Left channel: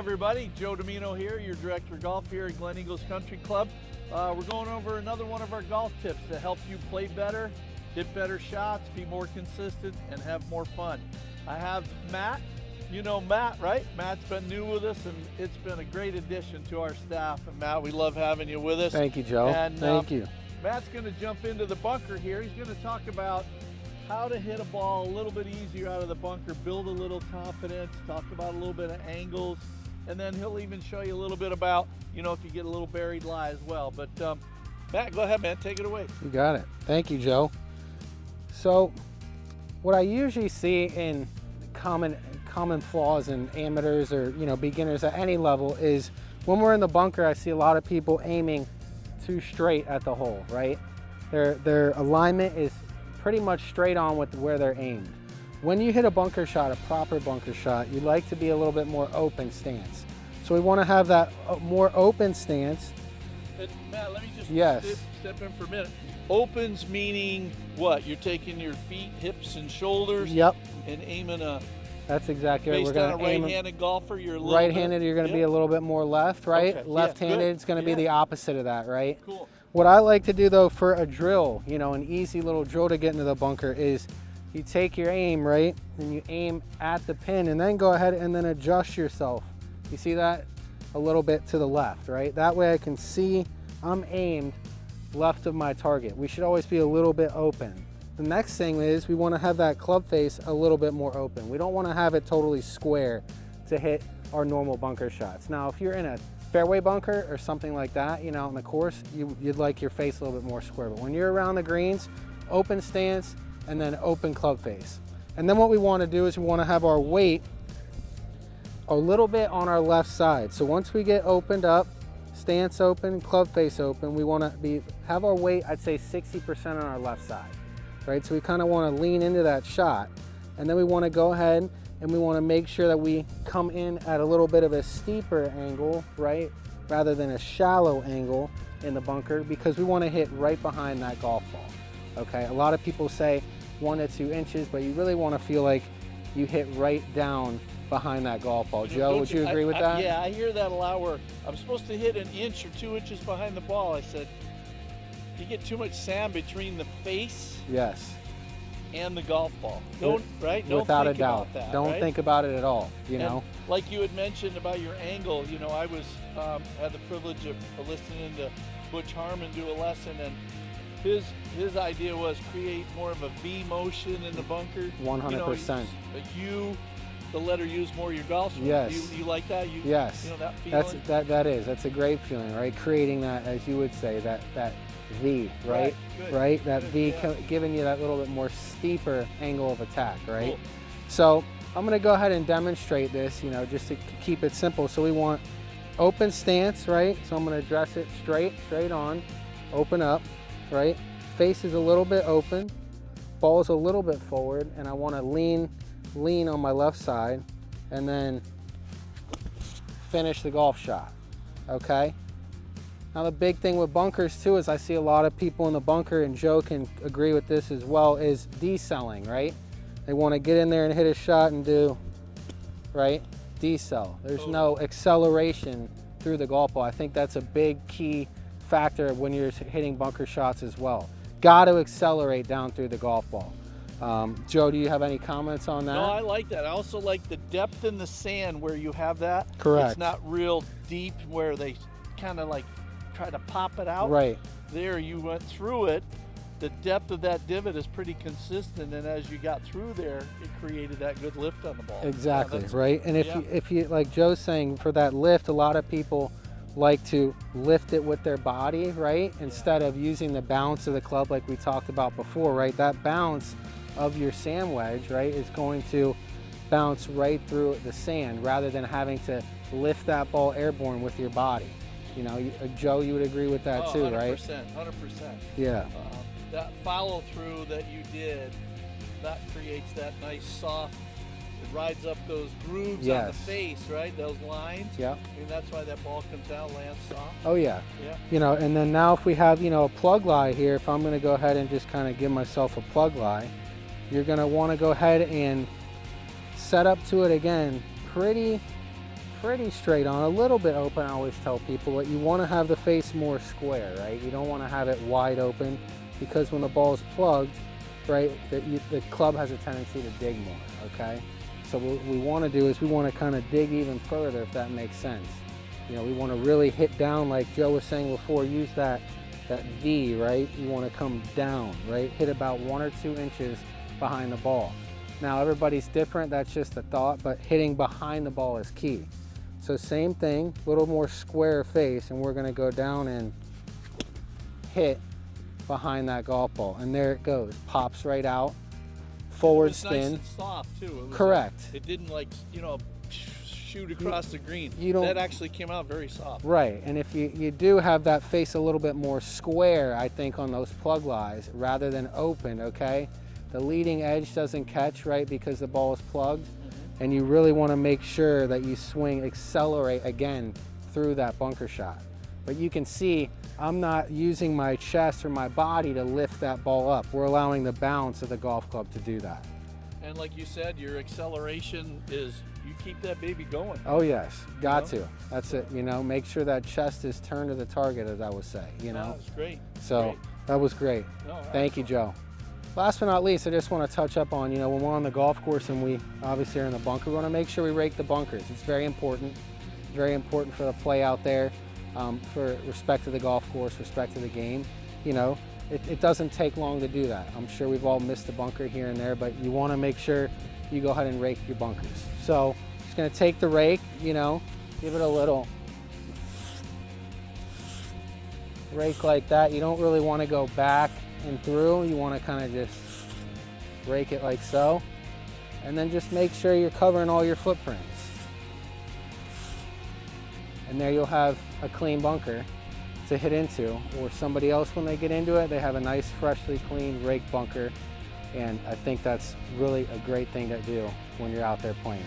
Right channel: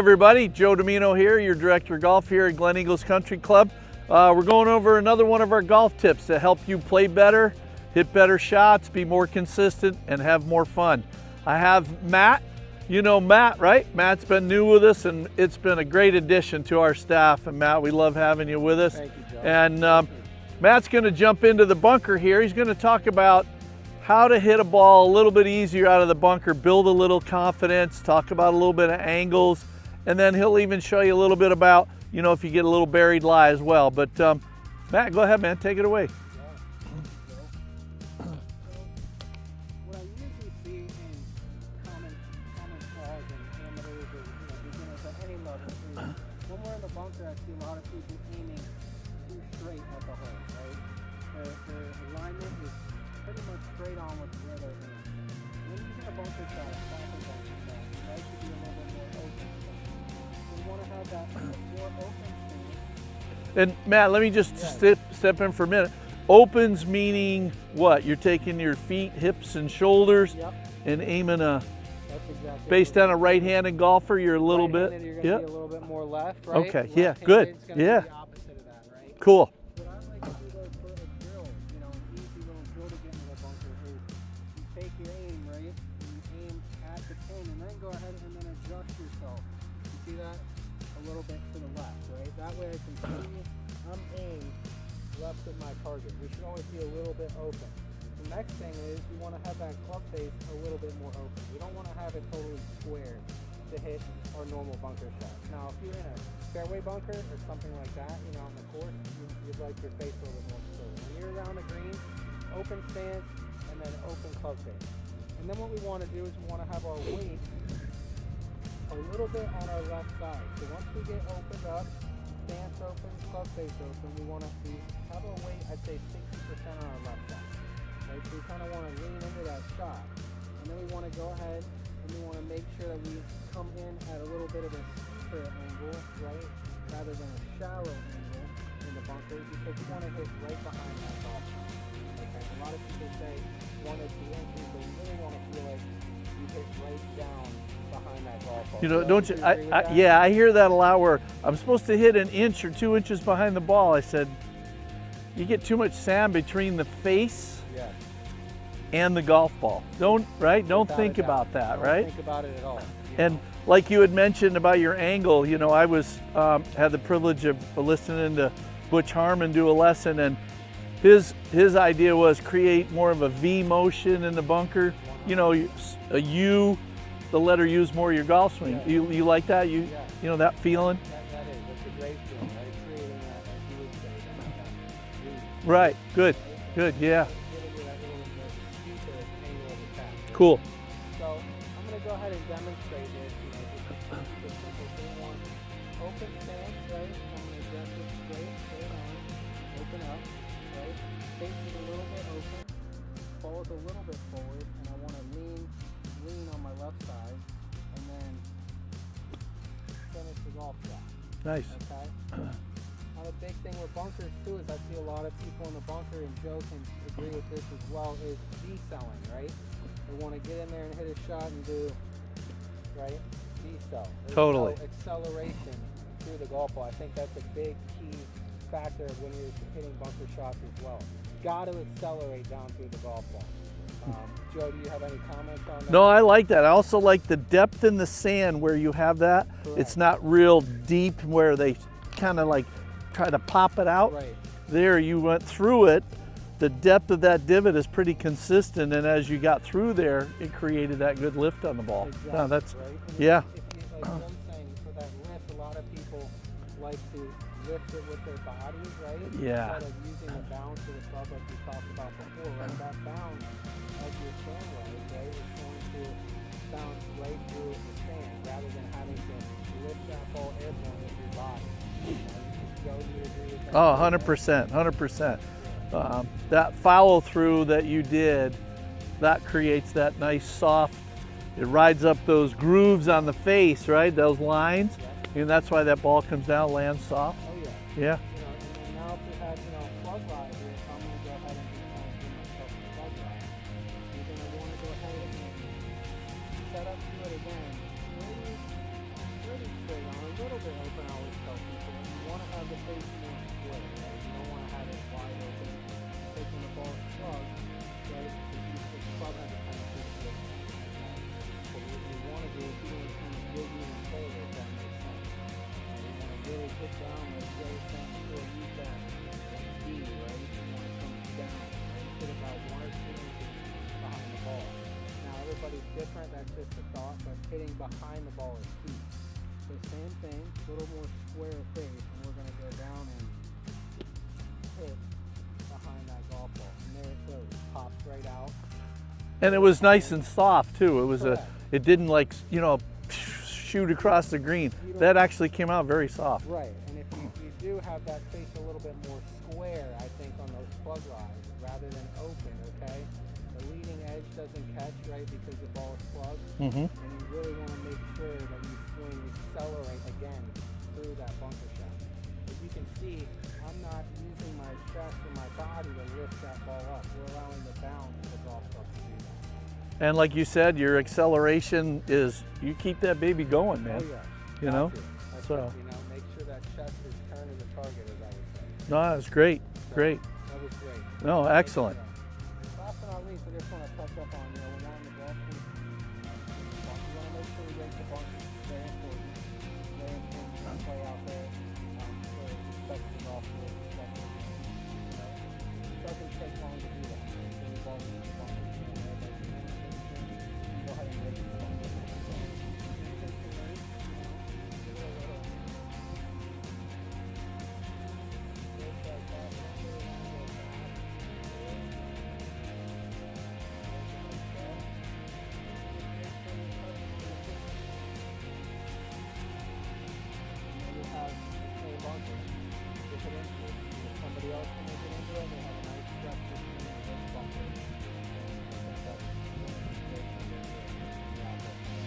everybody, Joe Domino here, your director of golf here at Glen Eagles Country Club. We're going over another one of our golf tips to help you play better, hit better shots, be more consistent, and have more fun. I have Matt. You know Matt, right? Matt's been new with us, and it's been a great addition to our staff. And Matt, we love having you with us. Thank you, Joe. And Thank you. Matt's going to jump into the bunker here. He's going to talk about how to hit a ball a little bit easier out of the bunker, build a little confidence, talk about a little bit of angles, and then he'll even show you a little bit about, you know, if you get a little buried lie as well. But Matt, go ahead, man, take it away. You got it. Thank you, Joe. So what I usually see in common flaws in amateurs or, you know, beginners at any level is when we're in the bunker, I see a lot of people aiming too straight at the hole, right? Their alignment is pretty much straight on with where they're aimed. When you hit a bunker shot, a proper bunker shot, you like to be a little bit more open stance. So we want to have that more open stance. And Matt, let me just step in for a minute. Opens meaning what? You're taking your feet, hips, and shoulders. Yep. And aiming a. That's exactly based on a right-handed golfer, you're a little bit. Right-handed, you're going to be a little bit more left, right? Okay. Left-handed, it's going to be the opposite of that, right? Cool. What I like to do though for a drill, you know, an easy little drill to get into the bunker is you take your aim, right? And you aim at the pin and then go ahead and then adjust yourself. You see that? A little bit to the left, right? That way I can see I'm aimed left of my target. We should always be a little bit open. The next thing is we want to have that club face a little bit more open. We don't want to have it totally square to hit our normal bunker shots. Now, if you're in a fairway bunker or something like that, you know, on the course, you'd like your face a little bit more square. But when you're around the greens, open stance and then open club face. And then what we want to do is we want to have our weight a little bit on our left side. So once we get opened up, stance open, club face open, we want to have our weight, I'd say 60% on our left side, right? So we kind of want to lean into that shot. And then we want to go ahead and we want to make sure that we come in at a little bit of a steeper angle, right? Rather than a shallow angle in the bunker, because we want to hit right behind that golf ball, okay? A lot of people say 1 to 2 inches, but you really want to feel like you hit right down behind that golf ball. You know, Joe, don't would you agree with that? Yeah, I hear that a lot where I'm supposed to hit 1 inch or 2 inches behind the ball. I said, you get too much sand between the face Yes. and the golf ball. Don't Without think a doubt. about that, Don't right? think about it at all, you And know? like you had mentioned about your angle, you know, I was had the privilege of listening to Butch Harmon do a lesson, and his idea was create more of a V motion in the bunker. 100%. You know, a U, the letter U is more your golf swing. Yes. You like that? Yes. You know that feeling? That's a great feeling, right? Creating that, as you would say, that V. Right. Good. Right? That Good. V, Yeah. giving you that little bit more steeper angle of attack, right? Cool. So I'm going to go ahead and demonstrate this, you know, just to keep it simple. So we want open stance, right? So I'm going to dress it straight on, open up, right? Face is a little bit open, ball is a little bit forward, and I want to lean on my left side and then finish the golf shot. Nice. Okay? Now the big thing with bunkers too is I see a lot of people in the bunker, and Joe can agree with this as well, is decelling, right? They want to get in there and hit a shot and do, right? Decel. There's no acceleration through the golf ball. I think that's a big key factor when you're hitting bunker shots as well. Got to accelerate down through the golf ball. Joe, do you have any comments on that? No, I like that. I also like the depth in the sand where you have that. Correct. It's not real deep where they kind of like try to pop it out. Right. There you went through it. The depth of that divot is pretty consistent, and as you got through there, it created that good lift on the ball. Exactly, that's right? And if you, like Joe's saying, for that lift, a lot of people like to lift it with their body, right? Yeah. Instead of using the bounce of the club like we talked about before, right? That bounce of your sand wedge, right, is going to bounce right through the sand rather than having to lift that ball airborne with your body. You know, Joe, you would agree with that too, 100%, 100%. Yeah. That follow through that you did, that creates that nice soft, it rides up those grooves on the face, right? Those lines. Yeah. And that's why that ball comes down, lands soft. Oh yeah. Yeah. You know, and then now if we have, you know, a plug lie here, if I'm going to go ahead and just kind of give myself a plug lie, you're going to want to go ahead and set up to it again pretty pretty straight on, a little bit open. I always tell people, but you want to have the face more square, right? You don't want to have it wide open, because when the ball is plugged, right, the club has a tendency to dig more, okay? So what we want to do is we want to kind of dig even further, if that makes sense. You know, we want to really hit down, like Joe was saying before, use that V, right? You want to come down, right? Hit about 1 or 2 inches behind the ball. Now everybody's different, that's just a thought, but hitting behind the ball is key. So same thing, a little more square face, and we're gonna go down and hit behind that golf ball. And there it goes, pops right out. And it was Forward nice spin. and soft too. It was Correct. It didn't like, you know, shoot across the green. That actually came out very soft. Right, and if you do have that face a little bit more square, I think, on those plug lies, rather than open, okay? The leading edge doesn't catch, right, because the ball is plugged. And you really want to make sure that you swing, accelerate again through that bunker shot. But you can see I'm not using my chest or my body to lift that ball up. We're allowing the bounce of the golf club to do that. And like you said, your acceleration is, you keep that baby going, man. Oh yes, got You know? to. That's So- it, you know, make sure that chest is turned to the target, as I would say. You No, know? that's great. So Great. that was great. No, Thank excellent. you, Joe. Last but not least, I just want to touch up on, you know, when we're on the golf course and we obviously are in the bunker, we want to make sure we rake the bunkers. It's very important. It's very important for the play out there, for respect to the golf course, respect to the game. You know, it doesn't take long to do that. I'm sure we've all missed the bunker here and there, but you want to make sure you go ahead and rake your bunkers. So just going to take the rake, you know, give it a little rake like that. You don't really want to go back and through. You want to kind of just rake it like so, and then just make sure you're covering all your footprints, and there you'll have a clean bunker to hit into, or somebody else, when they get into it, they have a nice freshly clean rake bunker. And I think that's really a great thing to do when you're out there playing.